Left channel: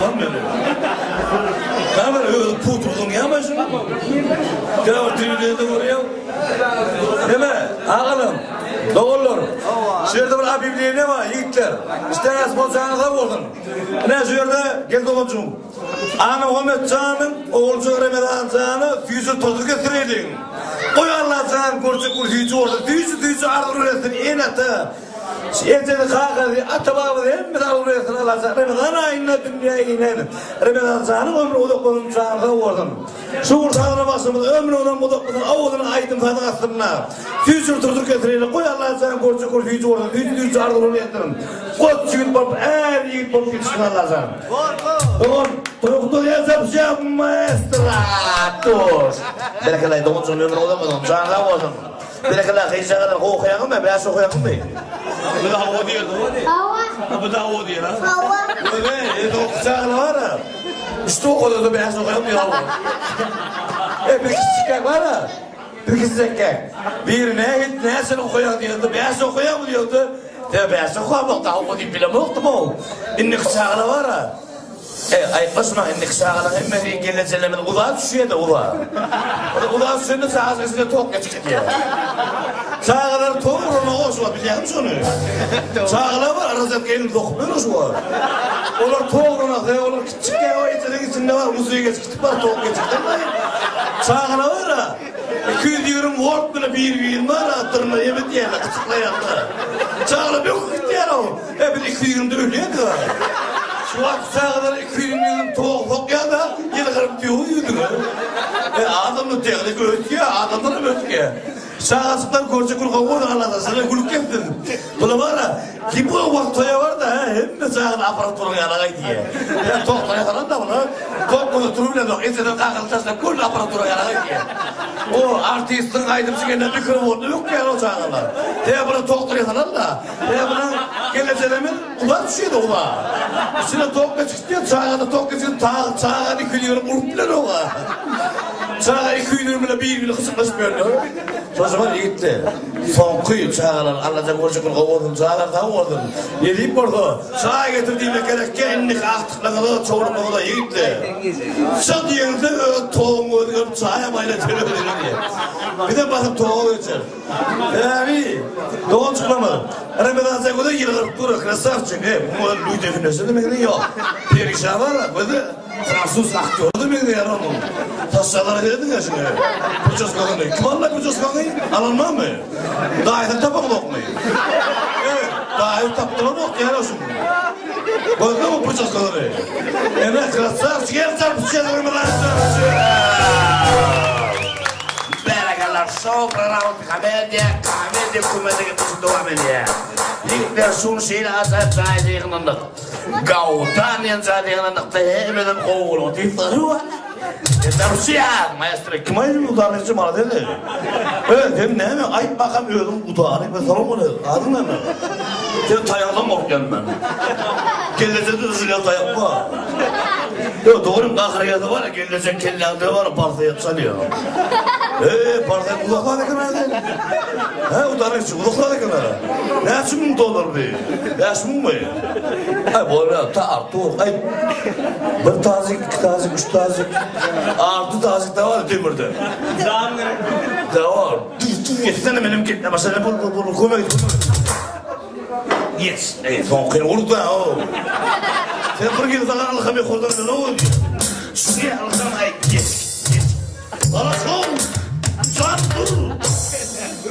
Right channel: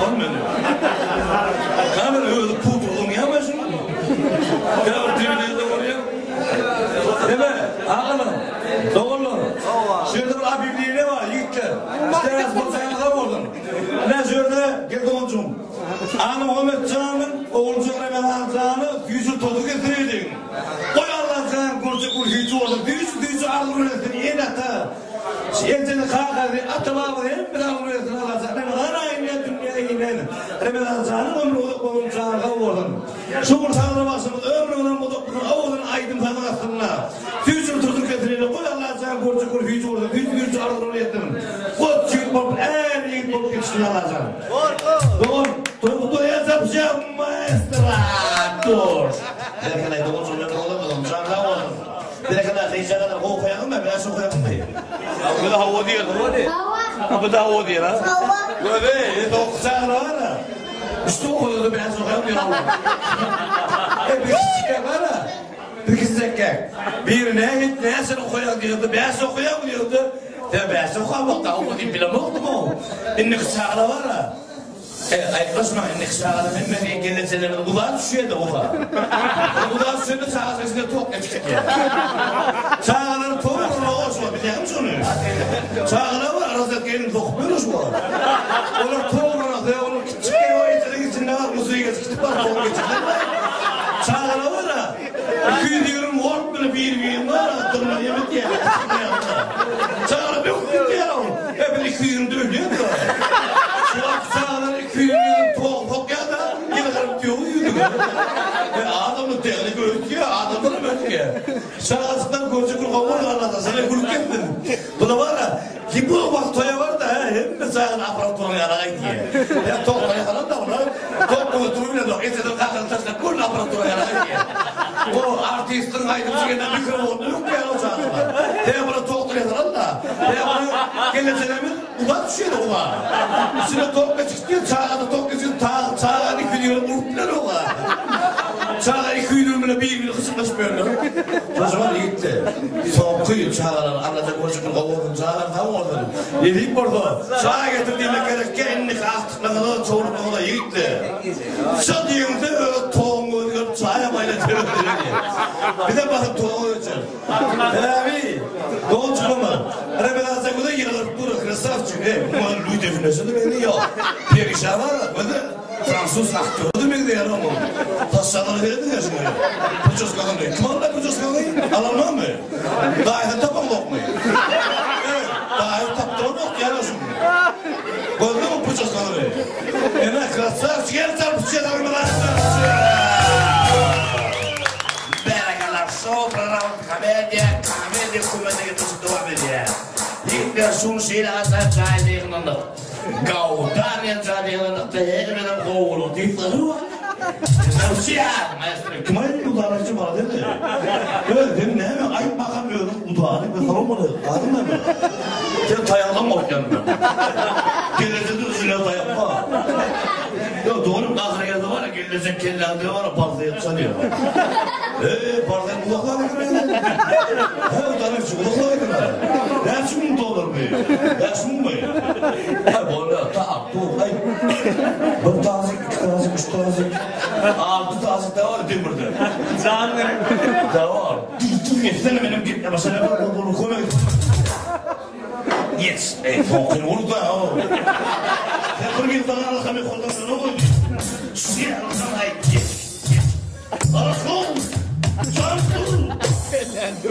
Tamam beni. Kamera öyle pudurdum yamasın. Kırav TV'de oraya. Deme, ağalım, doğulur. Şurada bir abibliği ne var yiğitler? İşte asma sana vurdun. Ne şurada geldi koçum. Anam Ahmet Can'ın oğulcu Ramazan Can'ı füzü tutup getirdin. Koy Allah sana kurcu füzü orada. Füzü ağır üretin yine ata. Eceli kalkadı, atababı değil mi? Ağır üretin Allah sana. Ramazan ayında dünyaya inen. Ramazan Can'ın ömrü odaklanın Can'ı vurdun. Şu ortağına başımız ömrü olan odaklanın. Ağulunu aydın sana aslında. Füzü tutup getirdin. Koy Allah sana kurcu füzü orada. Füzü ağır üretin. Koç yiğit bolup, her yiğit bolup yetiştin Allah sana. Doğun, Turuk'ta yazapacağım maestrator. Belki doğuncum ömrü olamadım, canlı olamadım. Belki heyşağıda okuyalım mı, biraz okuyalım mı? Bu da hava diyor, hava diyor. Hava. Bu da hava diyor ha? Hava. Böyle, okuyacağına var ha. İşte okuyordu, biraz okuyalım diyor Allah. Bir kişi var ha. Bir kişi zekkak. Birine git, ne sen okuyalım diyordu, biraz okuyalım diyordu. Biraz okuyalım, daha okuyayım bile mi okudum o? İnne kişağına var ha. Ay kısma indik sağına hemen geleceğimin ulağa düşüyor da ulağa. Ulağa düşüyor da sağa sesine tok geçtik ya. Sağlar toğuruna hoş var biliyor musun onu? Sağlar var arasında gelin dokmuyoruz var. Onlar toğuruna da onlar küçük ya o içerin içinde var uzuyu geçtik var tok geçtikler var. Sağlar var ha. 200 diyorum work bana bir var attırma yemek diye küçükler yaptı. Sağlar bir küçük yer o. Hep 220 de ölüyor da. Şu aksağı 200 milyon toğuk ya da yine karıp diyor uyudu mu? Adamın teknik ötüyor, adamdan ötüyor. Sağasından koca kurkavur anladın, sana kuluk ettin. Buna var ha, ki bu vaktoya var da hem de sağın aparatörün yanına gidiyor. Toğuklara falan da buna, toğuk bunu turuyla da etseden kakıl taşla kul aparatörün yanına gidiyor. O artistin aydımcı gelen mikrofonu yok ya o sağlar. Buna toğuklara falan da, buna geleceğimin ula düşüyor da ula. Üstüne toğukla çıkıyor, sağına toğukla çıkıyor, sağına 2 diyorum uruplar ula. Sağına 2 diyorumuna bir gün kısıklaşmıyor. O zaman gitti. Son kuyu sağlar, anlayacak olacak olun, sağlar da olun. Yediyip orada, sağa getirdiğine gerek kendini aktıklarına çoğunluğuna gitti. Sen diyende toğumu ödüyorum, sağa bayla terör diye. Bir de bakıp toğu ölçer. Abi, doğu çıkmamalı. Ramazan Zago'da yılgırıp durur, krasavçık. Bu Louis Definesi demek ne yok. Perişan var, bu da Fransız aktörü demek ne yarar onun. Taşçaları verdin ya şimdi. Pırçası kakını. Kim anlar pırçası kakını? Alanmam mı? Daha iyi tapam yok mu? Evet, daha iyi taptırma yok yani o şimdi. Bakın mı pırçası kakını? Hemen krasavçık, gel çarpışacağız. Berakalar sopra komedya kumedya devam ediyor. İlk son şeyle azap sayılığında Gautan yazarlarında hemen oğlu tiftarı var. Rusya maestro kimayım udanıcı bana dedi. Evet dedim ne mi? Ay bakamıyorum udanı ben soramadım. Adın ne mi? Sen tayaldan mı okuyorsun ben? Gelecekte üzülen tayalma. Yok doğru kahre geldi var ya gelecek kellendi var ya partaya çalıyor. Partaya kulaklar da kırmaydı. He udanıcı kulaklar da kırmaydı. Ne için mutlu olur bir? Yaşmın mı? Hay böyle dur ay. Bir tazik, iki tazik, üç tazik. 6 tazik da var demirde. Zanlı. Da var. Yetsene benim gitme. Mesela bunu koymayın. Yets. Son kıyım olur da o. Sen bir gün sana alakami kollarına ne oluyor? Şuraya alakami ay yets. Bana son. Can bu.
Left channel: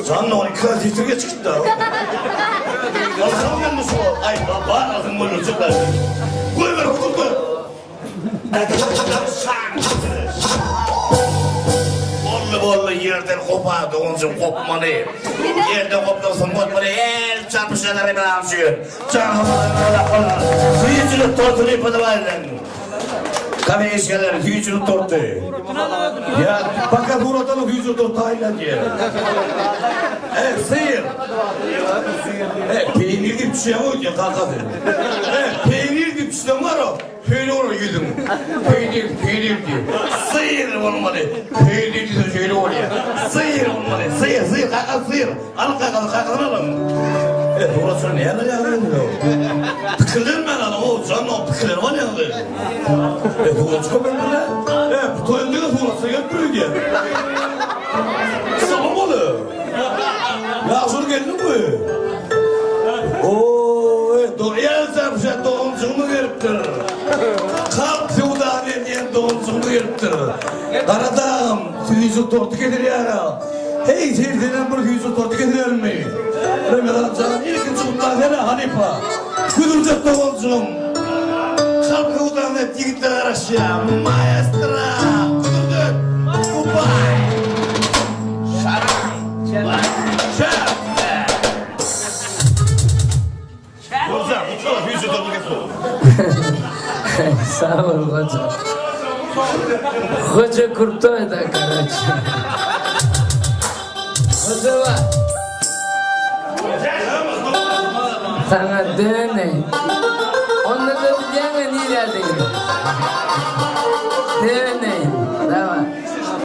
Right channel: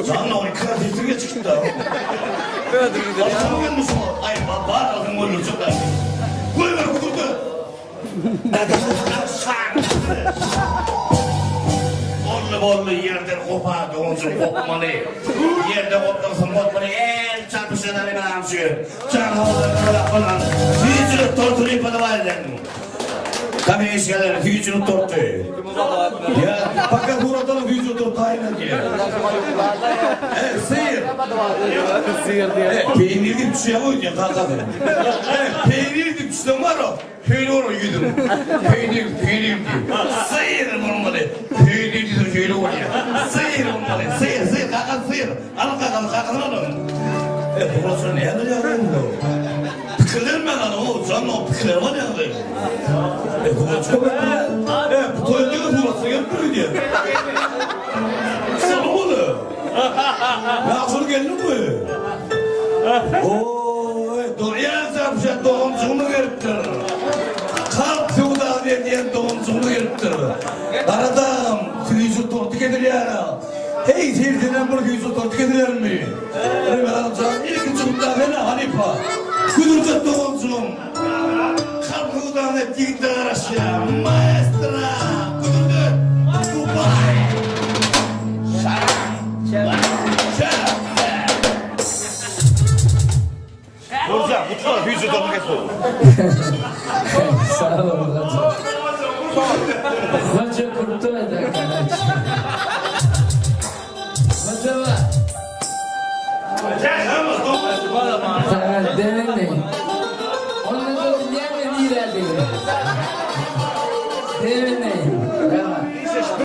Can ne var? Kreatifliğe çıktı da. Alakami gelmiş o. Ay baba alakami olacak da. Koy ver okul koy. Bollu yerden kopardı onca kopmalı. Yerden kopmasın kopmalı. El çarpışanları bilançıyor. Çarpışanları falan. Füyücülük tortunu ipadı varlar. Kabe işgaleri füyücülük tortu. Ya fakat buradan füyücülük tortu aynen diye. Seyir. Peynir gibi bir şey koydu ya kalkadı. Peynir gibi bir şey var o. Şöyle olur yüzüm. Peynir diyor. Sıyır olmalı. Peynir diyor şöyle oluyor. Sıyır olmalı. Sıyır kakal sıyır. Al kakal alalım. Burası ne yapacağız? fikirlermen hanım canım o fikirler var ya be. Bu çok önemli. Bu toyunda tuğrası gelmiyor diye. Salamadı. Nasıl geldin bu? Doğuya sarpışan doğumcuğumu veriptir. Kalk sevdaniye diyen doğumcuğumu veriptir. Aradam, tüyüzü tortu gelir ya. Hey seyirciden bir tüyüzü tortu getirir mi? Ömer amcam ilk çıkımda vela Hanifa. Kudurcak doğumcuğum. Kalk sevdaniye yigitler aşağı. Maestra. Kudurcak. Goodbye. Şarap. Borza, mutlu tüyüzü tortu getir. Sağ ol hoca. Hoca kurtardı arkadaşlar. Hoca var. Sana dene. Onda da bir yana nila değil. Dene.